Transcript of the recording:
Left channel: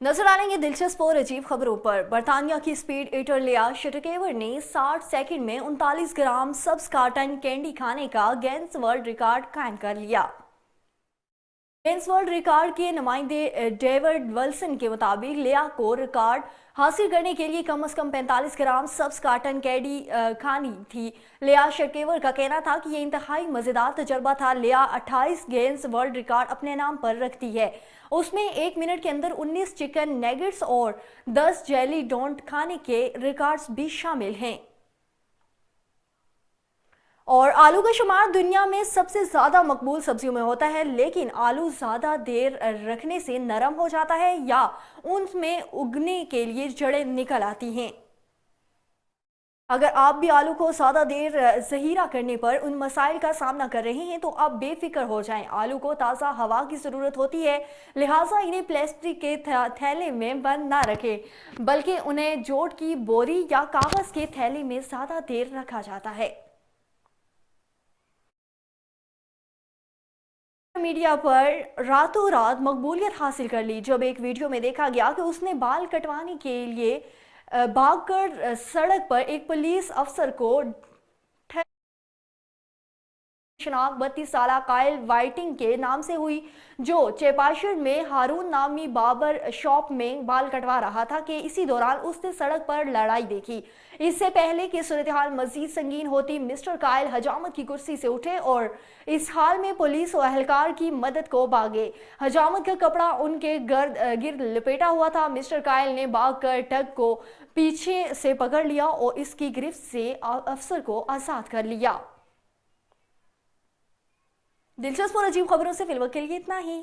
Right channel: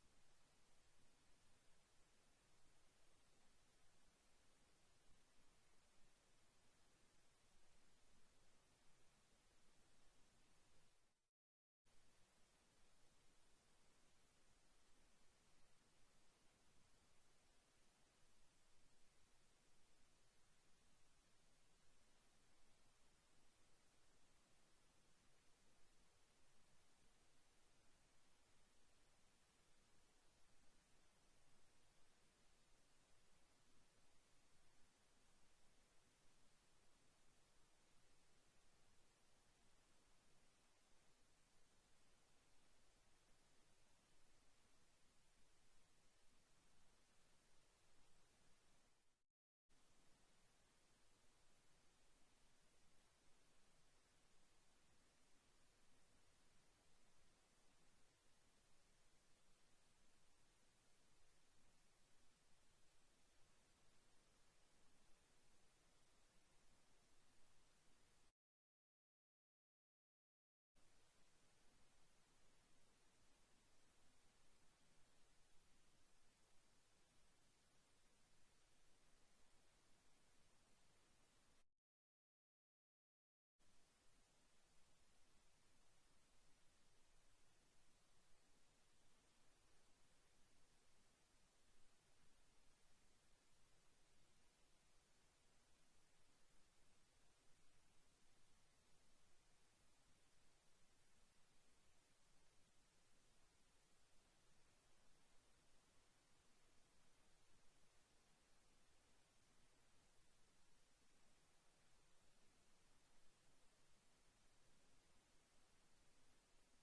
नजर डालेंगे दिलचस्प और अजीब खबरों पर। बर्तानिया की स्पीड ईटर लिया शटकेवर ने 60 सेकंड में 39 ग्राम सब्स कार्टन कैंडी खाने का गिनेस वर्ल्ड रिकॉर्ड कायम कर लिया। गिनेस वर्ल्ड रिकॉर्ड के नुमाइंदे डेविड विल्सन के मुताबिक लिया को रिकॉर्ड हासिल करने के लिए कम से कम 45 ग्राम सब्स कार्टन कैंडी खानी थी। लिया शटकेवर का कहना था कि यह इंतहाई मजेदार तजर्बा था। लिया 28 गिनेस वर्ल्ड रिकॉर्ड अपने नाम पर रखती है। उसमें 1 मिनट के अंदर 19 चिकन नेगेट्स और 10 जेली डोंट खाने के रिकॉर्ड्स भी शामिल हैं। और आलू का शुमार दुनिया में सबसे ज्यादा मकबूल सब्जियों में होता है, लेकिन आलू ज्यादा देर रखने से नरम हो जाता है या उनमें उगने के लिए जड़ें निकल आती हैं। अगर आप भी आलू को ज्यादा देर ज़हीरा करने पर उन मसाइल का सामना कर रहे हैं तो आप बेफिक्र हो जाएं। आलू को ताज़ा हवा की ज़रूरत होती है, लिहाजा इन्हें प्लास्टिक के थैले में बंद ना रखें, बल्कि उन्हें जोट की बोरी या कागज़ के थैले में ज़्यादा देर रखा जाता है। मीडिया पर रातों रात मकबूलियत हासिल कर ली जब एक वीडियो में देखा गया कि उसने बाल कटवाने के लिए भागकर सड़क पर एक पुलिस अफसर को शनाख्त 32 साल कायल वाइटिंग के नाम से हुई, जो चेपाशर में हारून नामी बाबर शॉप में बाल कटवा रहा था कि इसी दौरान उसने सड़क पर लड़ाई देखी। इससे पहले कि सूरत हाल मजीद संगीन होती, मिस्टर कायल हजामत की कुर्सी से उठे और इस हाल में पुलिस और अहलकार की मदद को भागे। हजामत का कपड़ा उनके गिर्द लपेटा हुआ था। मिस्टर कायल ने भाग कर टग को पीछे से पकड़ लिया और इसकी गिरफ्त से अफसर को आजाद कर लिया। दिलचस्प और अजीब खबरों से फिलहाल के लिए इतना ही।